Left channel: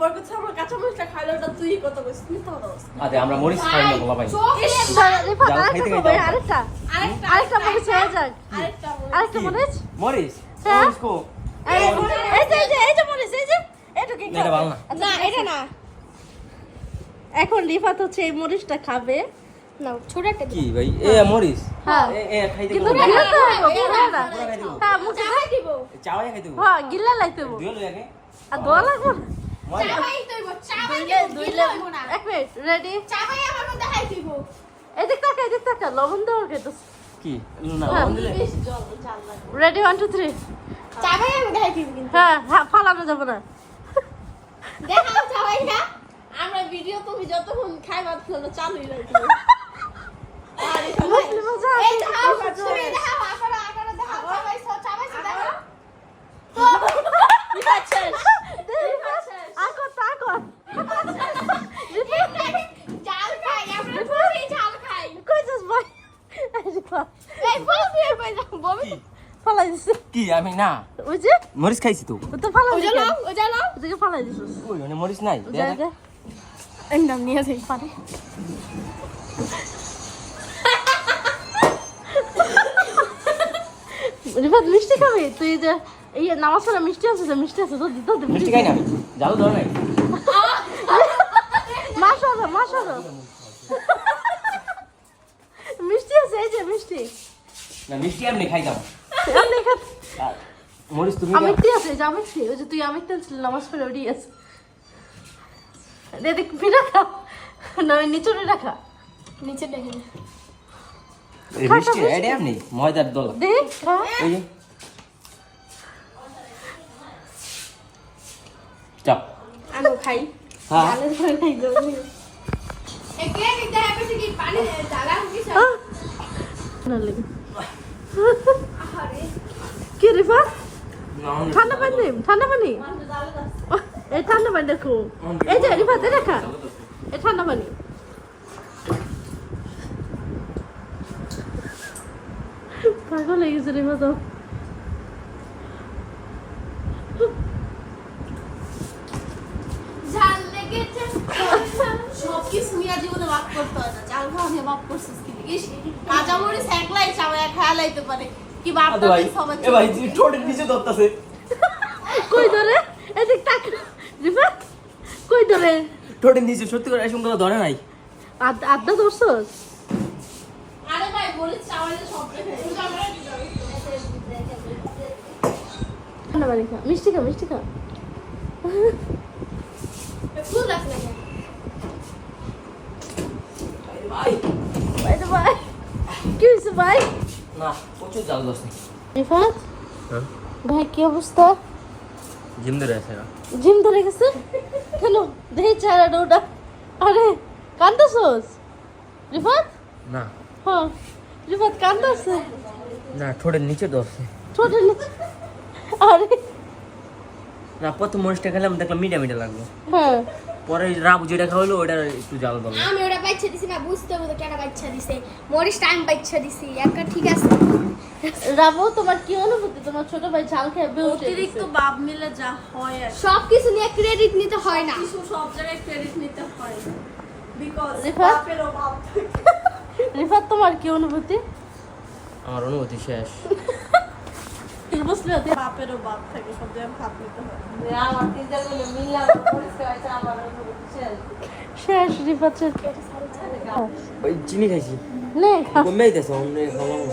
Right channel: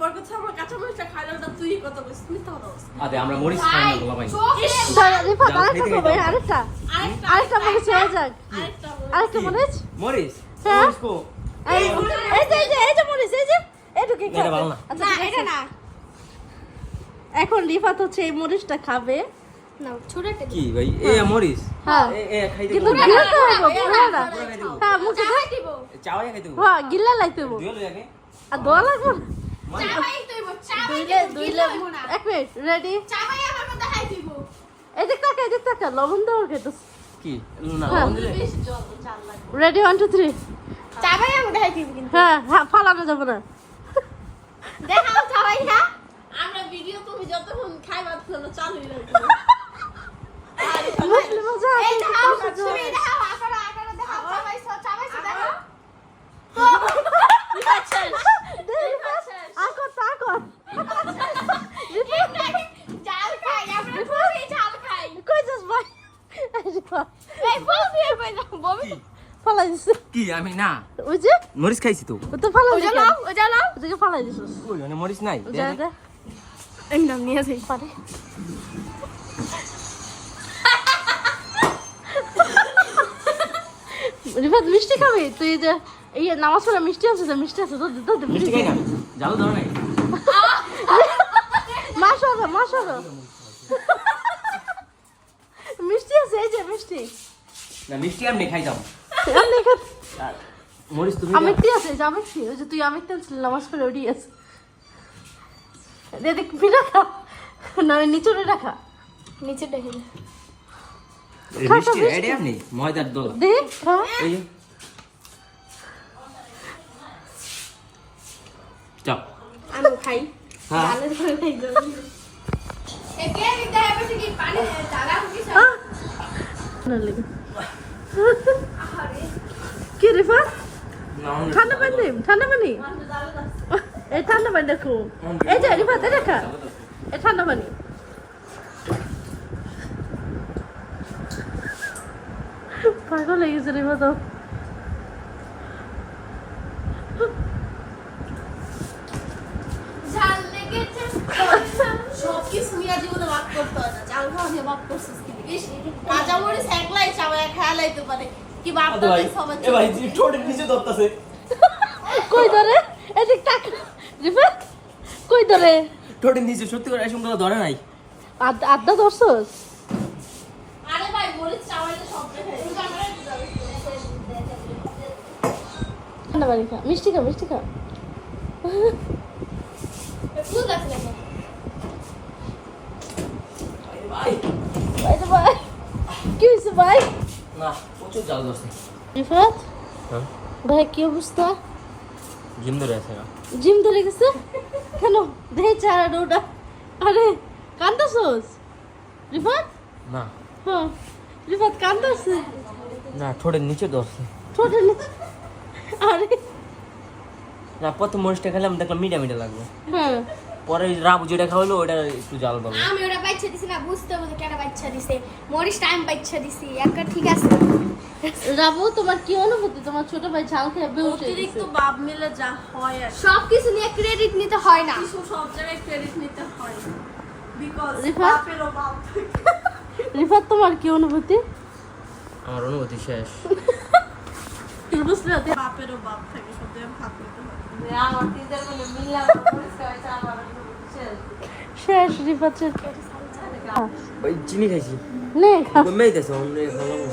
কথা আমরা কাঁচা মরিচটা খাইলে ওটা তুই কত কইছিস মিথ্যা কথা বলছিস আদে আমরা মরিচ খাই না বলা পাই যাও খাইতে যাও আরেকটা আরেকটা মরিচ আরেকটা মরিচ। মরিচ? মরিচ? মরিচ কো? এই, যে, মরিচ, এই যে। না। এটা না। এখন রিফাত হচ্ছে এই মরিচটা খাবে। নাও ছোট একটা কি ভাই? এ মরিচ? হ্যাঁ। এ এ খাইতে গেল না চাবাই দিব চাওয়াই খাইতে গেল। হ্যাঁ, গিলা লাইতে হবে। দুই লই আর দোয়া লাগবে না? মজা চাবাই দিব চাবাই দিব গিলা হইব না এক মিনিট, ready? চাবাই আমার মধ্যে দেখাই দিব এদিক তাকা, এদিক তাকা, লবণ দেওয়া খেতে। কি না লবণ দিলে Ready, one, two, three. চাবাই আমি দেখাই দিব কিন্তু হ্যাঁ, ফালানো যাবে না। দেখাও চাবাই না আমরা ভিডিও তুমি যতক্ষণ খাইবা ততক্ষণ চালুই রাখব আর এই দেখাও তুমি দেখাও আকারে আকারে দেখাও চাবাই চাবাই দেখাও তো আচ্ছা আকো, আকো। চাল খাই আমরা খুবই চাল খাই কই যাস ভাই? এই ফুল দিয়ে কই না বমি কি ফালাই দিছে। কি আমি না? ওই যে, মরিচ খাইছি তো। ও তো ফালাই ফালাই দিছে। ওই মানে মরিচ নাই দে দে। একদম নিয়ে যাই। রিফাত মিষ্টি খাবি? তুই যে এই নামাজ পড়া মিষ্টি আছে তো মিষ্টি আছে মিষ্টি খাই না? আমি যাও ধর নাই? মাংস মাংস মিষ্টি আছে এই যে মিষ্টি। না মিষ্টি এমনি খাই যাও খা- তুমি আমি কি আছে? যে আমি খেয়ে ওই যে তুই আমি তো নামাজ পড়ে উঠে গেছে দেখ ভিড়ে খা। না নিচে রাখা। নিচে দেখে এই মিষ্টি এটা এমনি ময়দার দল। দেখ। এই চাপ আনো খাই। হ্যাঁ। ডালের ঘরে খাই যাবি একে নিতে হবে? কি পানি জ্বালা কি আহ! না লাগে। কি রিফাত ঠান্ডা পানি ঠান্ডা পানি? এই ঠান্ডা পানি দেখো। এই যে রিফাত এটা খা এই ঠান্ডা পানি। পাগল হয়ে গেছে রিফাত ঝাল লেগেছে। সব কিছু নিয়ে জীবনে মাফ করতে হয় না। চাল খাওয়া নিয়ে মাফ করছিস কি দেখিস একলাই লাইতে পারে। কি বাপ ভাই সবাই এ ভাই ঠোঁটের নিচে ধরতাছে। কই ধরে? এদিক তাক। রিফাত কই ধরে? ঠোঁটের নিচে সত্যি করে এসব কথা ধরে নাই। আড্ডা ধরছস আরে ভাই মরিচ চাওয়ালে সব ঠান্ডা মিষ্টি খা মিষ্টি খা ভাই। এই যে ভাই কি হয়েছে ভাই? না প্রচুর জাল ধরছে। রিফাত হ্যাঁ। ভাই কি অবস্থা? জিম ধরে আছে জিম ধরে গেছে? কেন দেখে চারা ওটা আরে কান্দছস? রিফাত? না। হ্যাঁ। রিফাত কান্দছে না ঠোঁটের নিচে ধরছে। ছোট নিচে? আরে। না প্রথম মরিচটা খেলাম দেখলাম মিডিয়া মিডিয়া লাগল হ্যাঁ। পরে রাবু যেটা খাওয়ালো ওটা একটু জাল ধরলো আমি ওটা বাচ্চা দিছি না বুঝতে হবে কেন বাচ্চা দিছে মরিচ টাইম বাচ্চা দিছি একটা ঠিক আছে রাবো তোমার কি অনুভূতি তোমার ছোট ভাই ঝাল খেয়ে অতিরিক্ত বাপ মিলে যা হয় আর সব কিছু নিয়ে ক্রেডিট নিতে হয় না কিছু সব জায়গায় ক্রেডিট নিতে হয় বিকজ রিফাত? তোমার কি অনুভূতি আমার অনুভূতি শেষ বুঝলে তুই বাপেরও বাপ থাকে সব জায়গায় ভাত নিতে হয় রিফাত ওই চিনি খাইছি। নে খা। কমে অন্য খাওয়াবো